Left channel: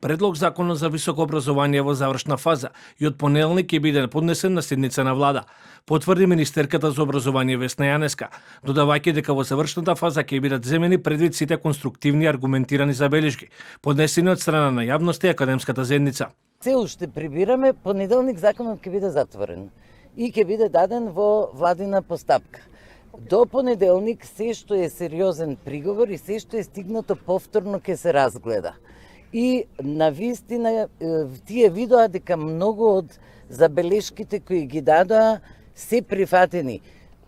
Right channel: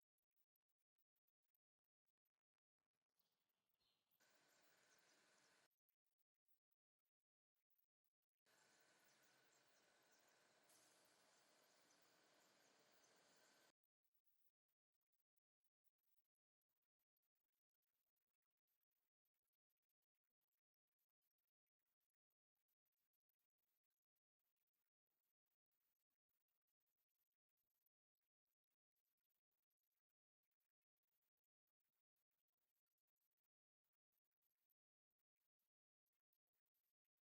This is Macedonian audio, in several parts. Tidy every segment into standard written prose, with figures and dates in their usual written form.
Предлог законот за високо образование во завршна фаза и од понеделник ќе биде поднесен на седница на влада, потврди министерката за образование Весна Јанеска, додавајќи дека во завршната фаза ќе бидат земени предвид сите конструктивни и аргументирани забелешки, поднесени од страна на јавноста и академската заедница. Се уште прибираме, понеделник законот ќе биде затворен и ќе биде даден во владина постапка. До понеделник се што е сериозен приговор и се што е стигнато повторно ќе се разгледа. И на вистина тие видоа дека многу од забелешките кои ги дадоа се прифатени.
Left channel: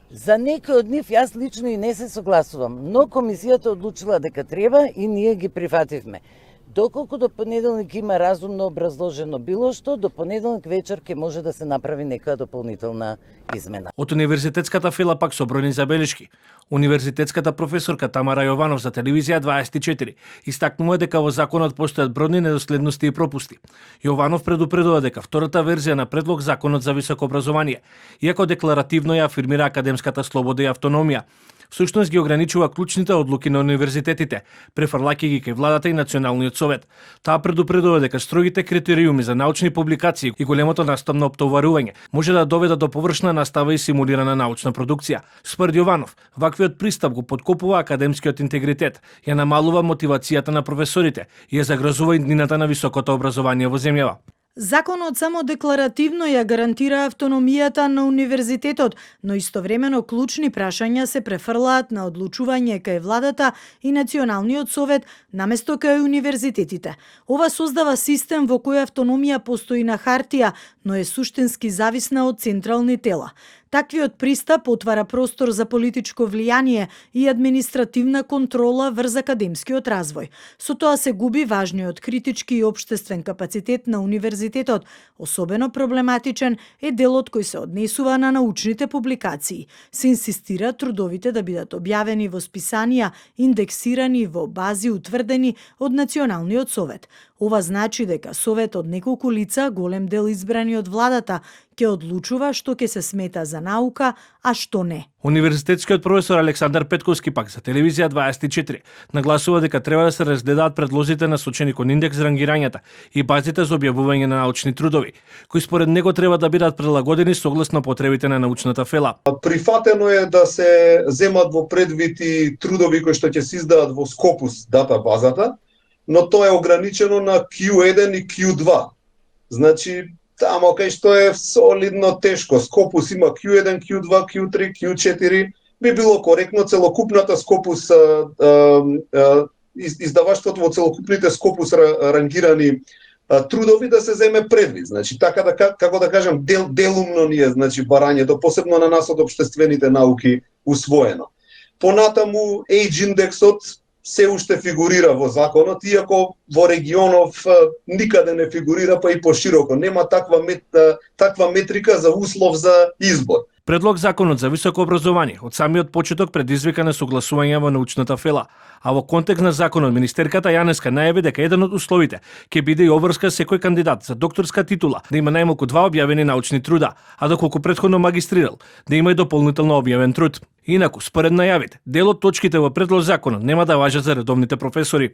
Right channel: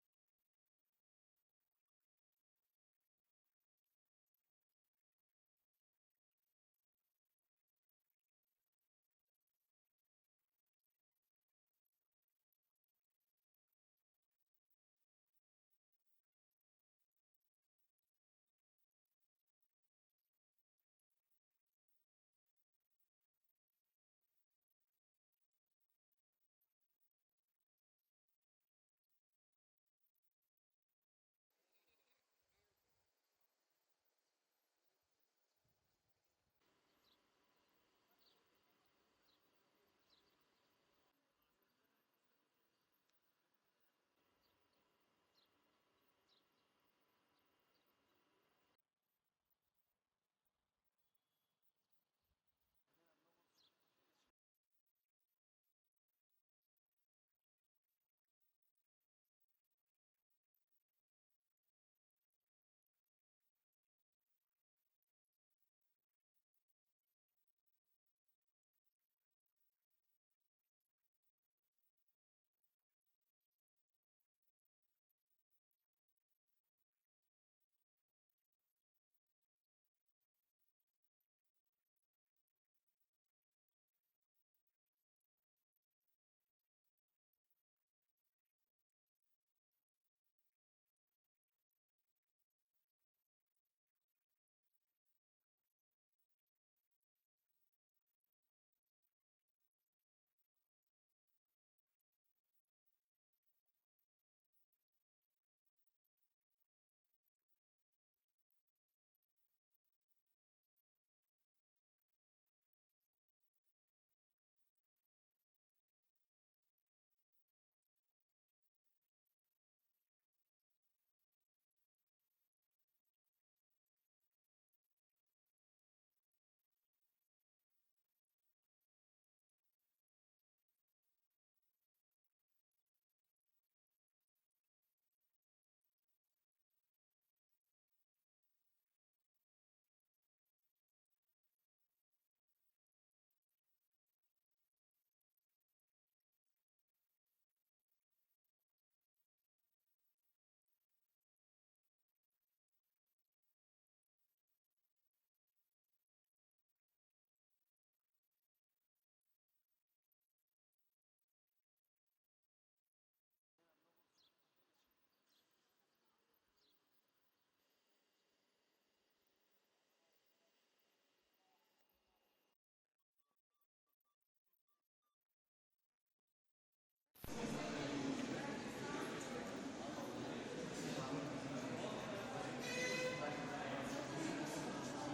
За некои од нив јас лично и не се согласувам, но комисијата одлучила дека треба и ние ги прифативме. Доколку до понеделник има разумно образложено било што, до понеделник вечер ќе може да се направи некоја дополнителна измена. Од универзитетската фила пак со бројни забелешки. Универзитетската професорка Тамара Јованов за телевизија 24 истакнува дека во законот постојат бројни недоследности и пропусти. Јованов предупредува дека втората верзија на предлог законот за високо образование, иако декларативно ја афирмира академската слобода и автономија, всушност ги ограничува клучните одлуки на универзитетите, префрлаќи ги кај владата и Националниот совет. Таа предупредува дека строгите критериуми за научни публикации и големото наставно оптоварување може да доведат до површна настава и симулирана научна продукција. Според Јованов, ваквиот пристап го поткопува академскиот интегритет, ја намалува мотивацијата на професорите и ја загрозува иднината на високото образование во земјава. Законот само декларативно ја гарантира автономијата на универзитетот, но истовремено клучни прашања се префрлаат на одлучување кај владата и Националниот совет наместо кај универзитетите. Ова создава систем во кој автономија постои на хартија, но е суштински зависна од централни тела. Таквиот пристап отвара простор за политичко влијание и административна контрола врз академскиот развој. Со тоа се губи важниот критички и општествен капацитет на универзитетот. Особено проблематичен е делот кој се однесува на научните публикации. Се инсистира трудовите да бидат објавени во списанија, индексирани во бази утврдени од Националниот совет. Ова значи дека совет од неколку лица, голем дел избрани од владата, ќе одлучува што ќе се смета за наука, а што не. Универзитетскиот професор Александар Петковски пак за телевизија 24 нагласува дека треба да се разгледаат предлозите насочени кон индекс рангирањата и базите за објавување на научни трудови, кои според него треба да бидат прилагодени согласно потребите на научната фела. Прифатено е да се земат во предвид и трудови кои што ќе се издаат во Scopus датабазата, но тоа е ограничено на Q1 и Q2. Значи, тамо кај што е солидно тешко. Scopus има Q1, Q2, Q3, Q4. Би било коректно целокупната Scopus, издаваштвото во целокупните Scopus рангирани трудови да се земе предвид. Значи, така да, како да кажем, делумно ни е, значи, барањето, посебно на нас од општествените науки, усвоено. Понатаму, Age индексот се уште фигурира во законот, иако во регионов никаде не фигурира, па и пошироко. Нема таква метрика за услов за избор. Предлог законот за високо образование од самиот почеток предизвика несогласување во научната фела, а во контекст на законот министерката Јанеска најави дека еден од условите ќе биде и обврска секој кандидат за докторска титула да има најмалку 2 објавени научни труда, а доколку претходно магистрирал, да има и дополнително објавен труд. Инаку, според најавите, дел од точките во предлог законот нема да важат за редовните професори.